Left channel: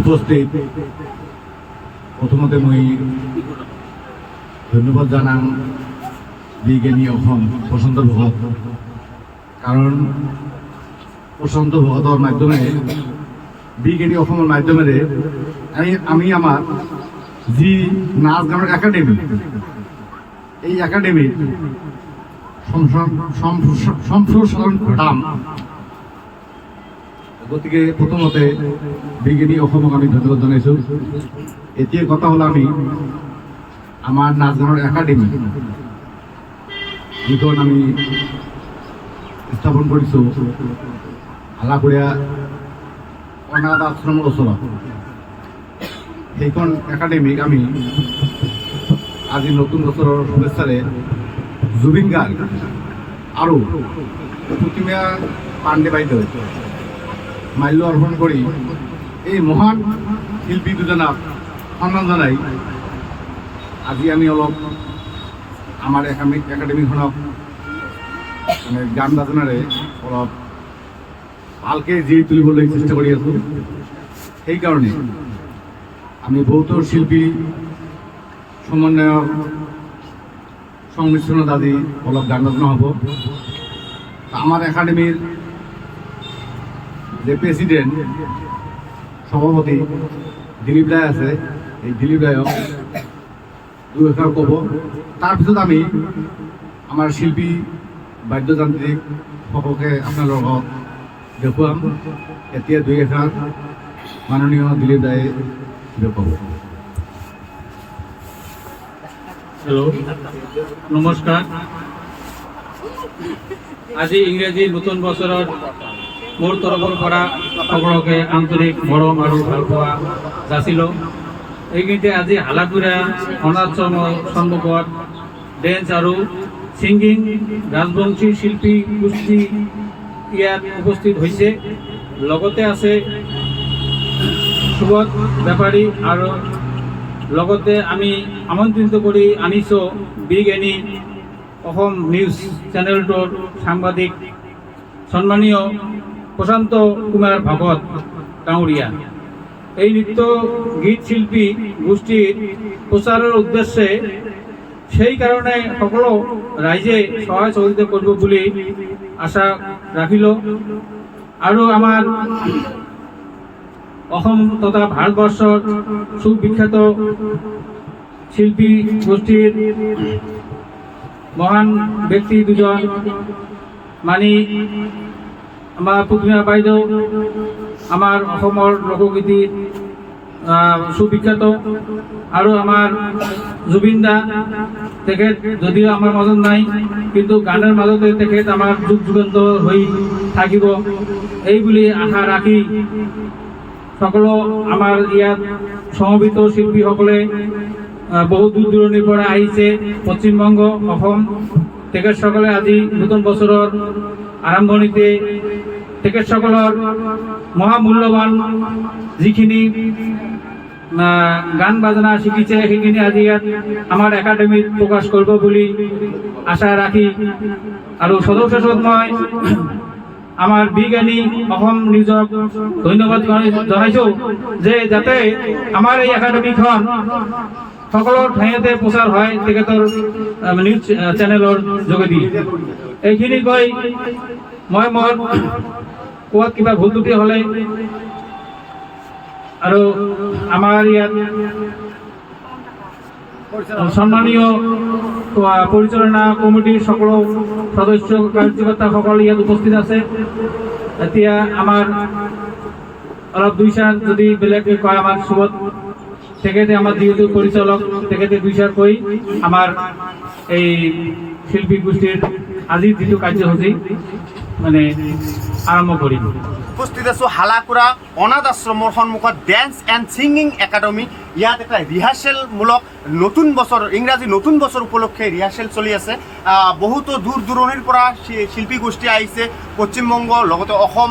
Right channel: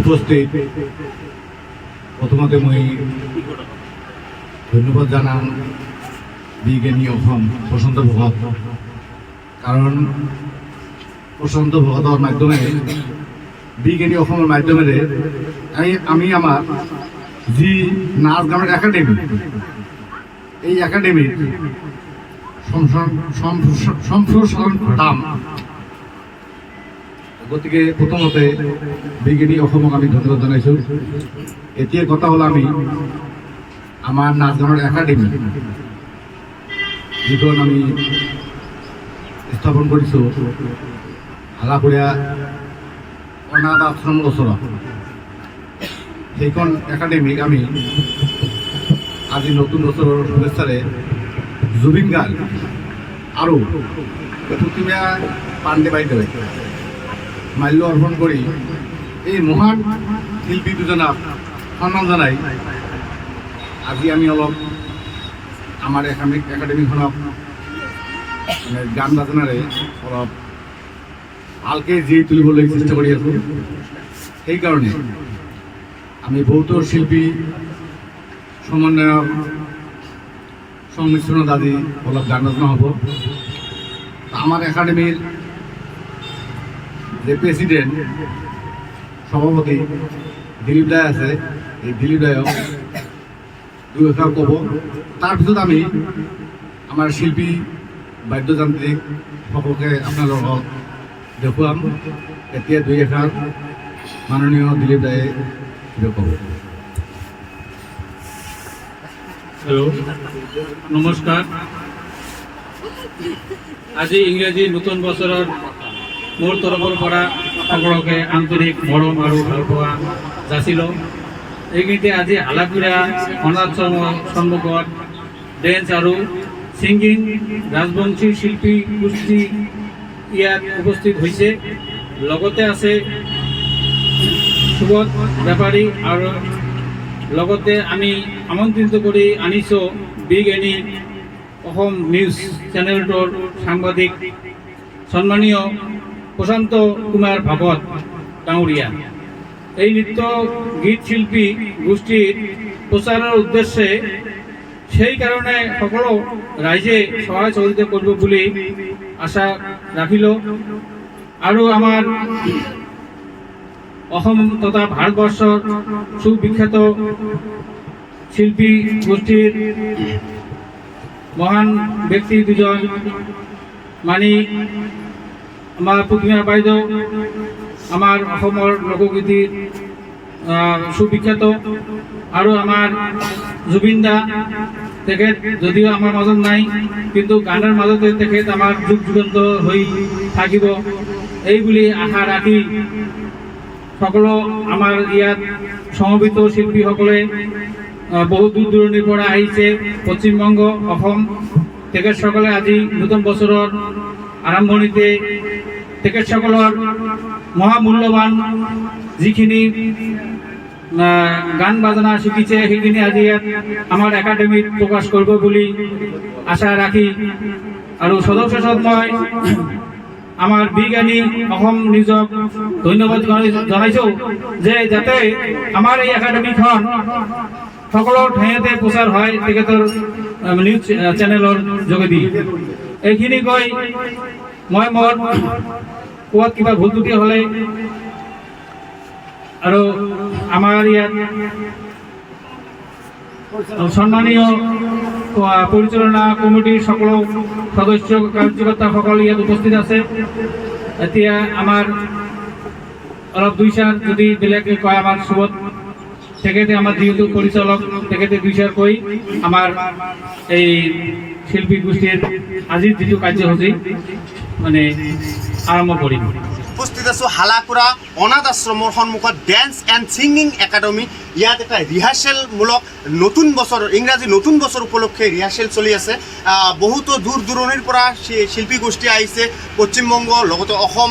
উপস্থিত প্রথমতে মই ধন্যবাদ জানাম বিজ্ঞানী অসম প্ৰশান্ত ভগত, কাৰণ প্ৰশান্ত ভগতৰ মাধ্যমে বিজ্ঞানী অসমৰ মাধ্যমেৰে আমি আমার যি নাচ গানের একাডেমি, এই একাডেমির সম্প্রসারণ ঘটাম। গতিকে প্রথমতে বিজ্ঞানী অসমক আমি ধন্যবাদ জানাইছো। এতিয়া কথা হল আমি আমার নাচ গানের একাডেমি যিখন আমি স্থাপন কৰিছো হালাকুড়িয়া অনাথ আশ্রমের ওচৰত, সেইখন একাডেমিক আমি আজি নতুন বছৰৰ শুভেচ্ছাৰে জুবিন গাৰ্গ আৰু প্ৰতিমা পাণ্ডে বাইদেউ মাল্য অৰ্পণ কৰি এই মহান শিল্পী দুজনক সন্মান জনাই আজি আমি অলপ আমাৰ একাডেমিখনক মানে গান বাজনাৰে অলপ ভালকৈ জীয়াই তুলিবলৈ চেষ্টা কৰি আছোঁ। সেইকাৰণে আমি বহুতো শিল্পী সমন্বয়ক সংমিশ্রণত আজি অলপ গান বাজনা হ'ব। আমার একাডেমির যে প্রেসিডেন্ট সভাপতি দিলীপ রায় আছে, এই দিলীপ রায়ক দুই এষাৰ ক'ব। তাৰপিছত আমি আমাৰ শিল্পী বাদ্যযান্ত্ৰিক সকলকে আপোনাৰ লগত দেখুৱাম। এতিয়া দুই এষাৰ মাননীয় দিলীপ রায়ে ক'ব। হ্যালো, নমস্কার। আজি ইংৰাজী নতুন বছৰৰ মোৰ তৰফৰ পৰা সকলোকে আন্তৰিক মৰম আৰু ভালপোৱা যাচিলোঁ। এইখিনিতে আজি হালাকুড়িয়া অনাথশ্ৰমৰ সন্মুখত ডেন্স আৰু ছিংগিং ৰাজবংশী শিল্পী গোষ্ঠী ইয়াত উপস্থিত হৈছে। লগতে আছে সুবোধ বেপাৰী আৰু লগতে আমি আমন্ত্ৰিত কৰি আনিছোঁ বিজ্ঞানী অসম নিউজ চেনেলটোৰ সাংবাদিক সন্মানীয় প্ৰশান্ত কুমাৰ ভগত ডাঙৰীয়া। এই নৃত্য গীত শিল্পী গোষ্ঠীৰ প্ৰচাৰৰ উদ্দেশ্যে সেই কাৰণে সকলো ৰাইজে সহায় সহযোগিতা কৰিব বুলি আশা ৰাখিলোঁ। আৰু আমাৰ অসম তথা ভাৰতবর্ষৰ সুবিখ্যাত শিল্পী গোষ্ঠীর মহান ব্যক্তি দুজন, মানে আমার প্ৰতিমা বাইদেউ আমার অসমৰ লোকগীতিৰ সুবিখ্যাত, আৰু আমাৰ জুবিন দা, তেখেত যদিও আমাৰ মাজত নাই কিন্তু গানৰ মাজতে তেখেত আমাৰ যুগ যুগান্ত হৈ থাকিব এই বুলি আশা ৰাখি সকলো আমাৰ ইয়াত সমবেত শিল্পীসকলে বহু দূৰ দূৰণিৰ পৰা আহিছে, পশ্চিমবংগ, অসম। তেখেতসকলে আজি নতুন বছৰৰ আৰম্ভণিতে তেখেতসকলৰ মহামূল্যৱান যিখিনি গান বাজনা শিকিছে সেইখিনি আজি ইয়াত আমাৰ একাডেমিত প্ৰকাশ কৰিব বুলি আশা ৰাখি আৰু সদস্যত মই আমার বিজ্ঞানী অসম নিউজক ধন্যবাদ জানাইছোঁ যে যাতে আমাৰ এই একাডেমিখন সকলো ঠাইতে প্ৰচাৰ হয় তেখেতৰ নিউজ চেনেলৰ যোগেদি। এইখিনি কৈ মই মোৰ কোৱাত কিবা ভুল ত্ৰুটি হ'লে আৰু আমাৰ ইয়াত সম্মানীয় পৰিচালনা কমিটিৰ সকলো সদস্য কাৰ্যকৰ্তাসকল ইয়াত উপস্থিত আছে। এতিয়া আমাৰ অলপ দুই চাৰ যদি বেলেগে কয়, আমাৰ সুবোধ তেখেতে আমাৰ যিহেতু পৰিচালক, তেখেতে দুই চাৰ কৈ আমাৰ এই শিল্পী গোষ্ঠীৰ আজিৰ যিটো কাৰ্যসূচী মানে আৰম্ভ কৰিম। উপস্থিত আছোঁ হালাকুড়া অনাথ আশ্ৰমৰ সন্মুখত ডেন্স এণ্ড ছিংগিং একাডেমি। ইয়াত এটা ৰিহাৰ্চেলমূলক নতুন বছৰ, ইংৰাজী নতুন বছৰ উপলক্ষে ৰিহাৰ্চেল চলি আছে। বহুতো দূৰ দূৰণিৰ পৰা শিল্পী গোষ্ঠী আহিছে, পশ্চিমবংগ লগতে অসম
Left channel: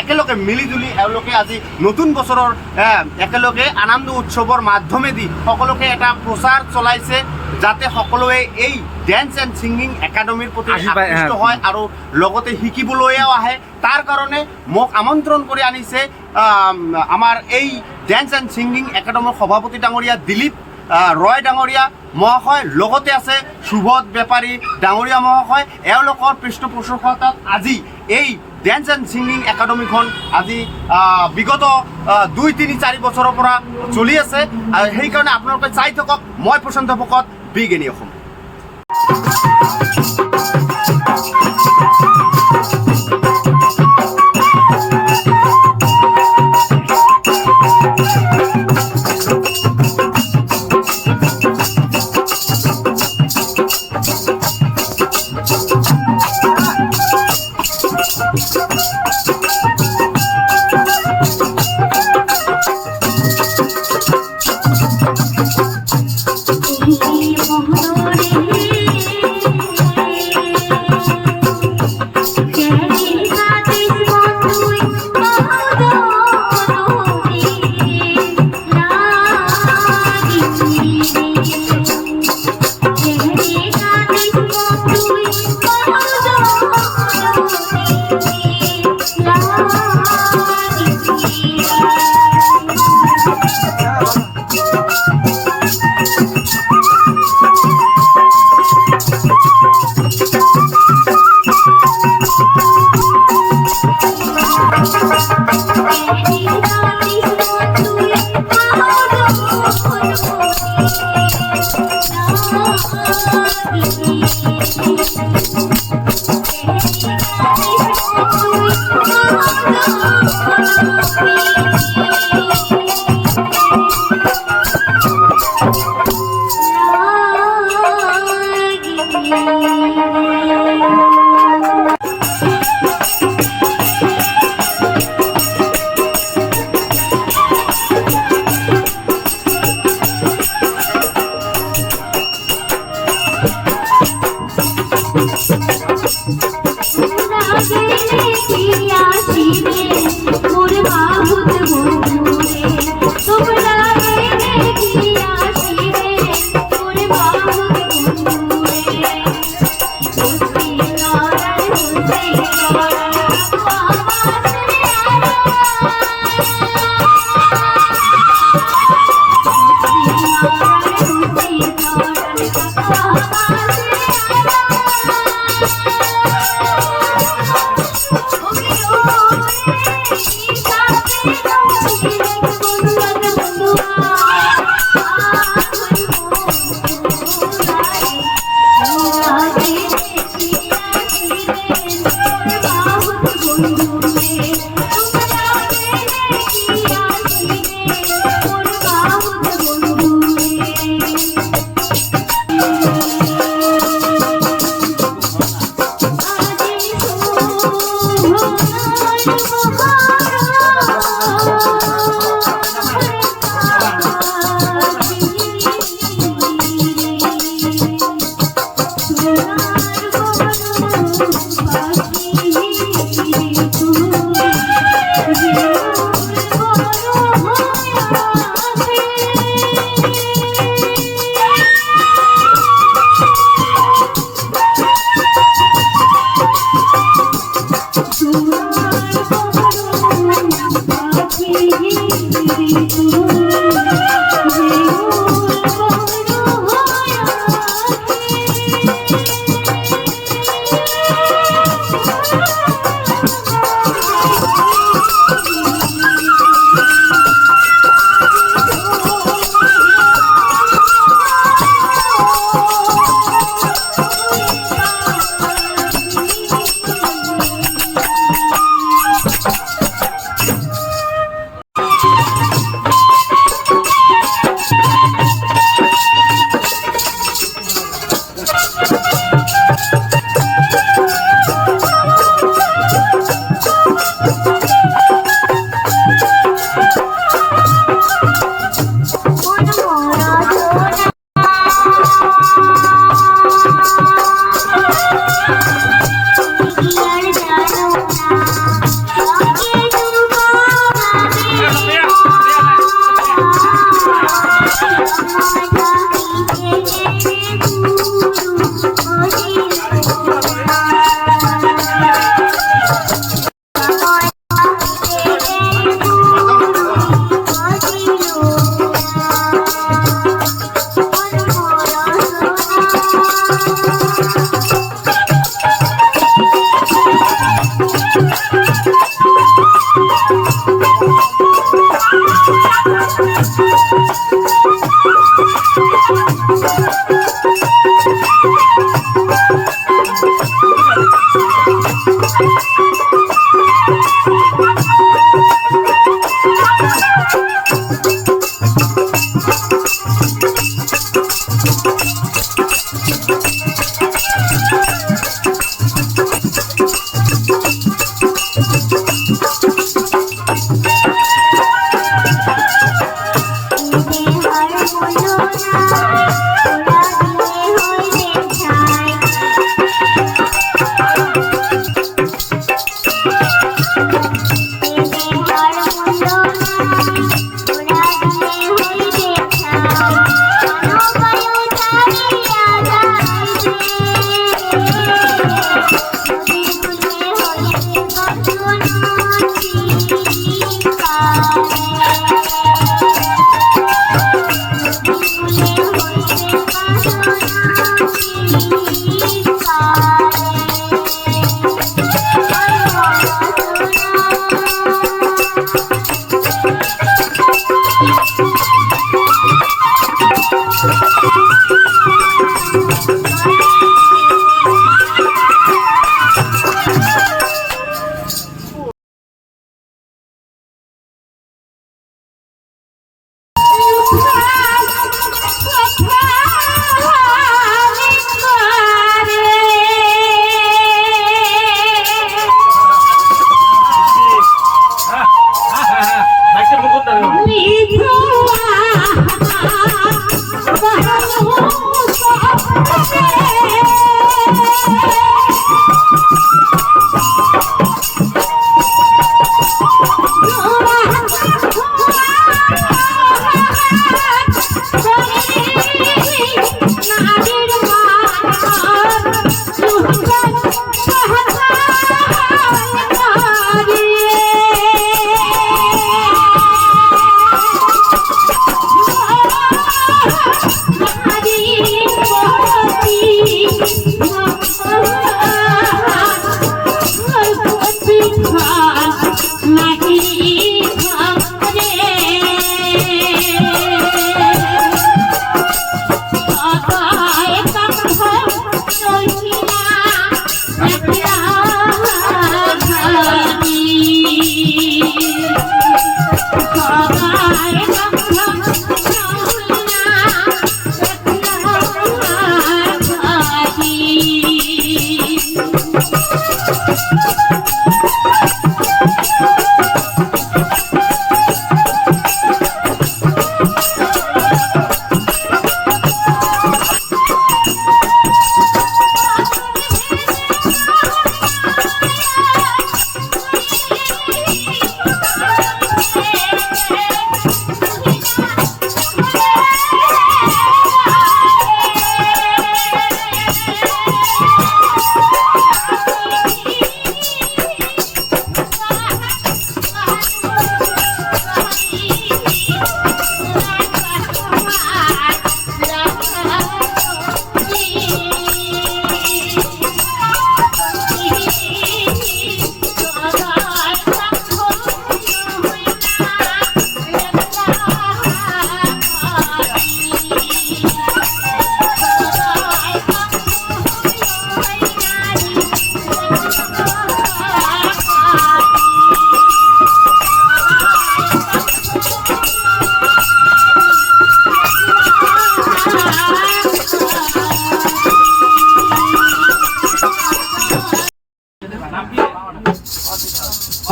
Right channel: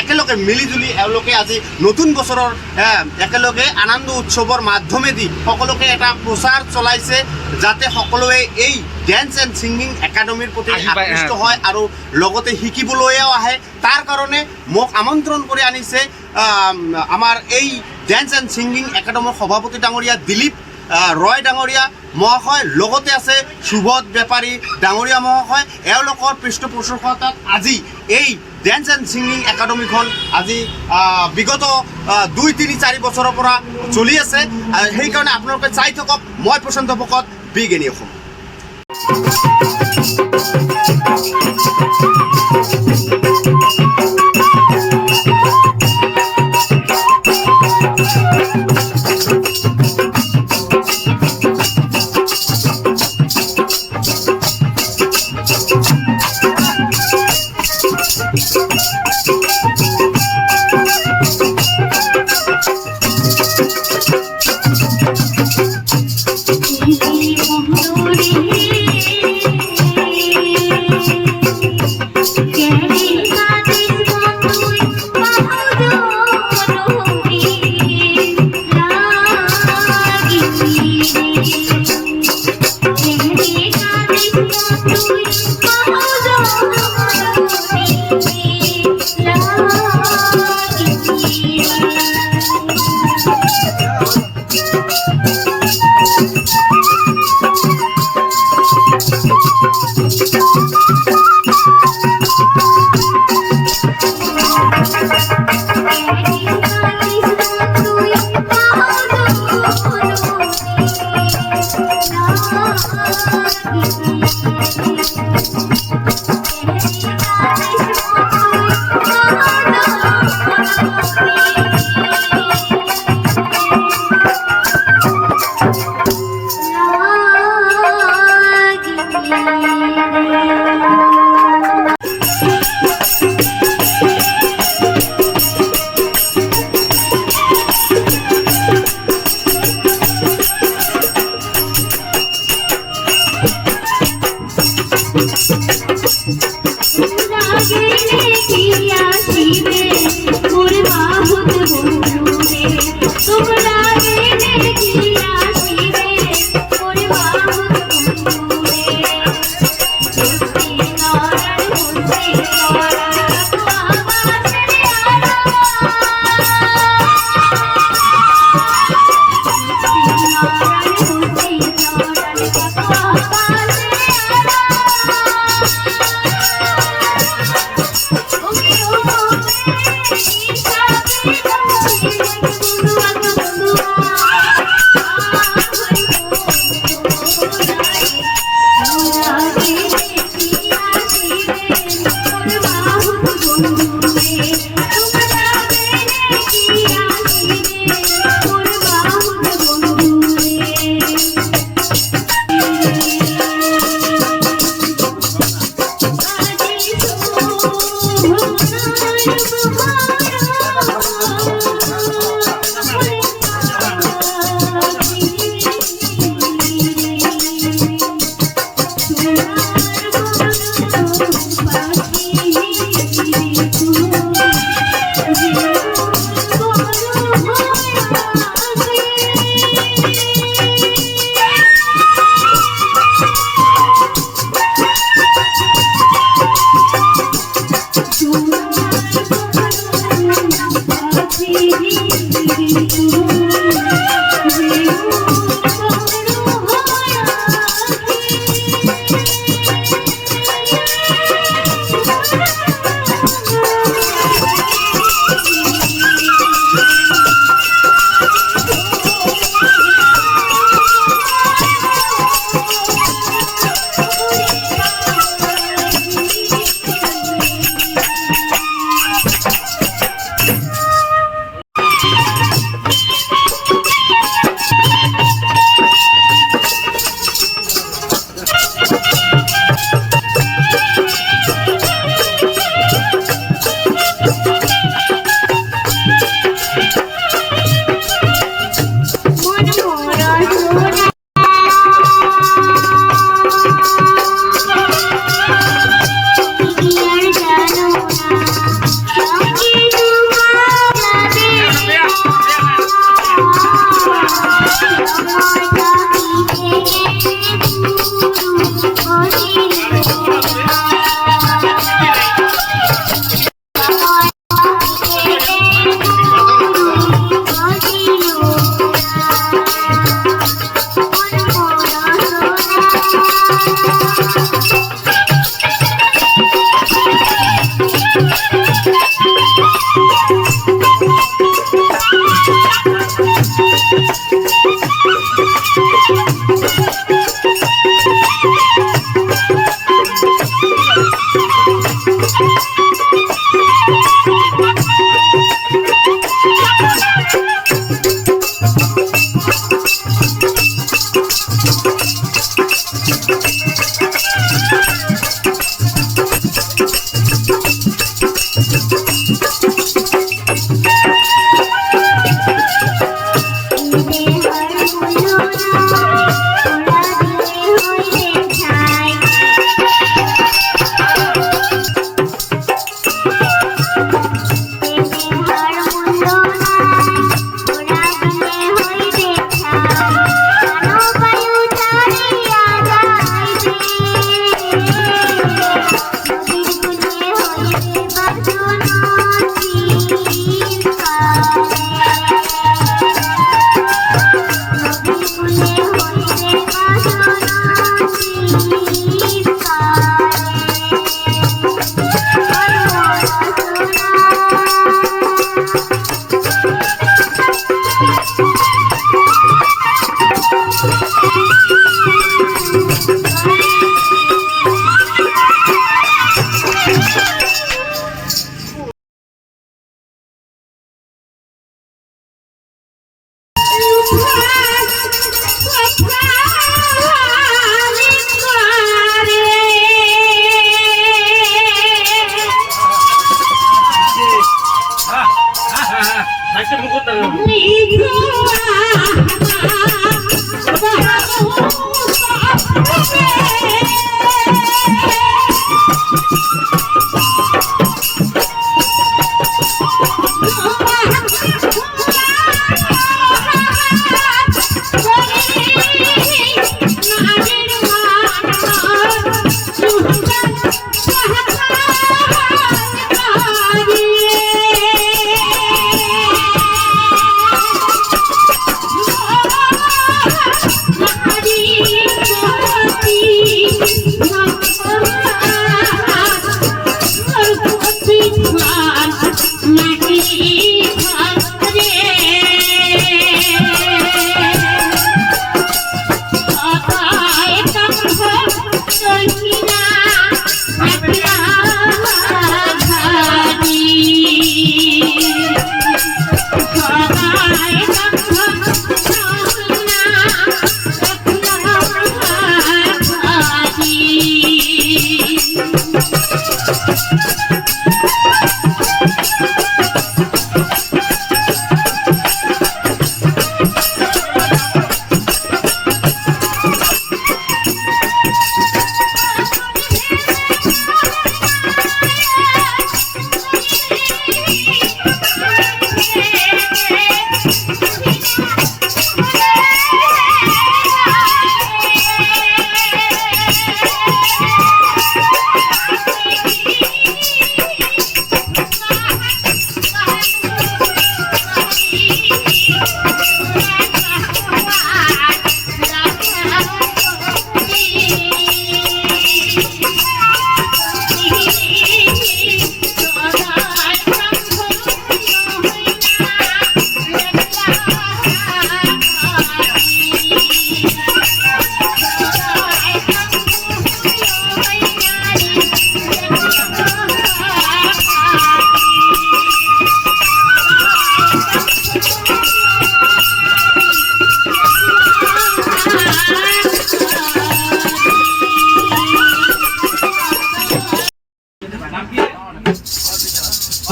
একেলগে মিলিজুলি এওঁলোকে আজি নতুন বছৰৰ একেলগে আনন্দ উৎসৱৰ মাধ্যমেদি সকলোকে এটা প্ৰচাৰ চলাইছে যাতে সকলোৱে এই ডেন্স এণ্ড ছিংগিং একাডেমিৰ প্ৰতি আকৃষ্ট হয় আৰু লগতে শিকিবলৈও আহে। তাৰ কাৰণে মোক আমন্ত্ৰণ কৰি আনিছে আমাৰ এই ডেন্স এণ্ড ছিংগিং একাডেমীৰ সভাপতি ডাঙৰীয়া দিলীপ ৰয় ডাঙৰীয়া মহাশয়, লগতে আছে সুবোধ বেপাৰী ডাঙৰীয়া মহাশয়। এওঁলোকৰ পৃষ্ঠপোষকতাত আজি এই ডেন্স এণ্ড ছিংগিং একাডেমীখন আজি বিগত 2-3-4 বছৰৰ পৰা চলি আছে। সেইকাৰণে আপোনালোকে চাই থাকক। মই প্ৰশান্ত ভকত, বিগ এনি অসম।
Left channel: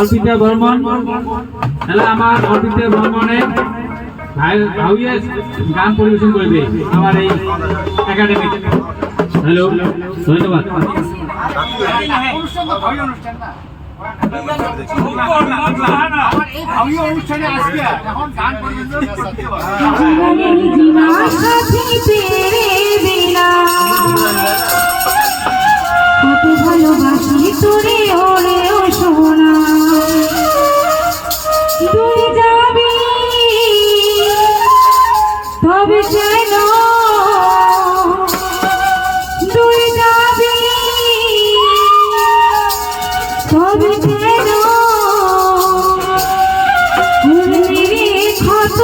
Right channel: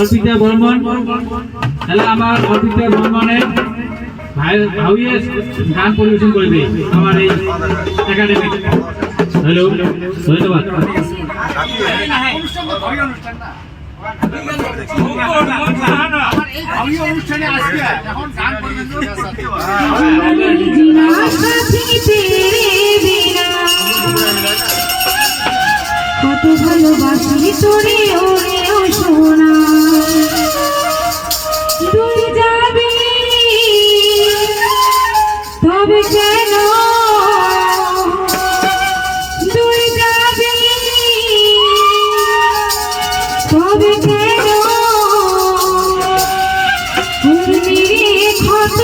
অর্পিতা বর্মন তাহলে আমার অর্পিতা বর্মনের ভাইয়ে গান পরিবেশন করবে আমার এই একাডেমি। হ্যালো, ধন্যবাদ। কত ভালোবাসি তোরে ওরে ও সোনা, তুই যাবি তবে কেন দূর যাবে তবে কেন ক্ষত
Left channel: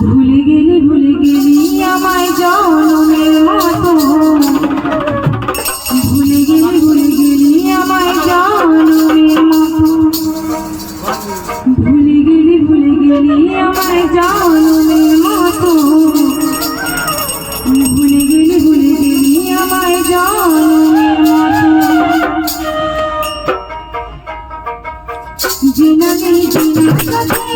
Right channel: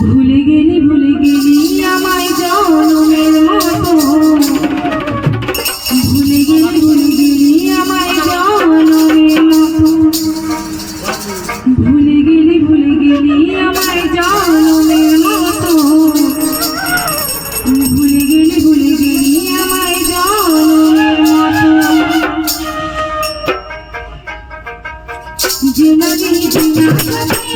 ভুলে গেলি আমায় জনমের মতো ভুলে গেলি আমায় জনমের মতো ভুলে গেলি আমায় জনমের মতো ভুলে গেলি আমায় জনমের মতো জিনানি জিনানি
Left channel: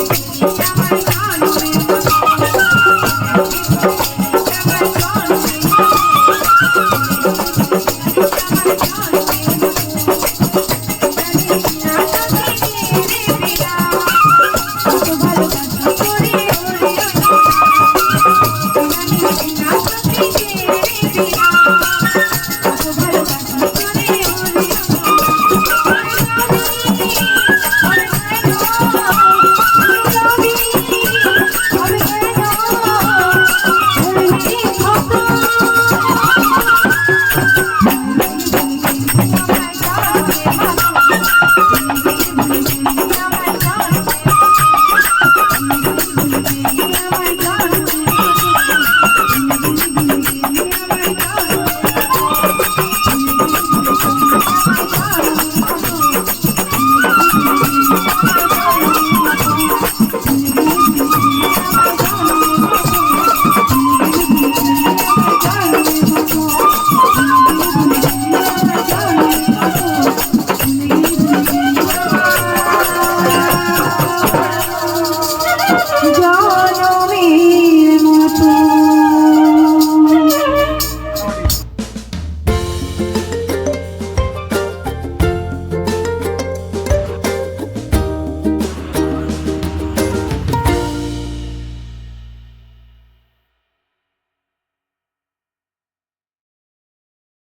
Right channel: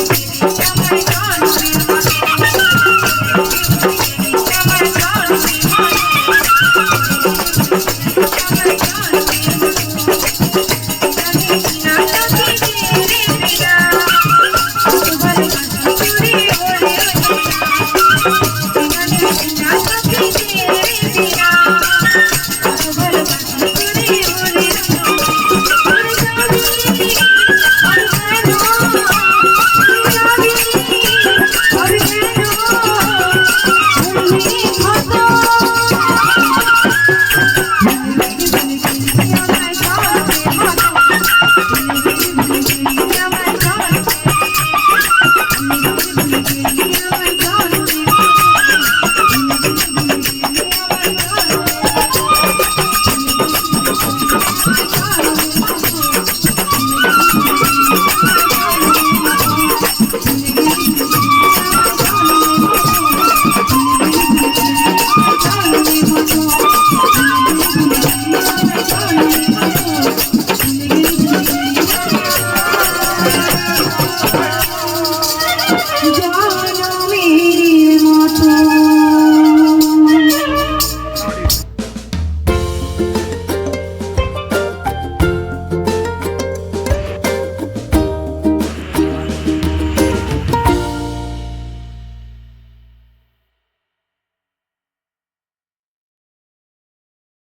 Thank you.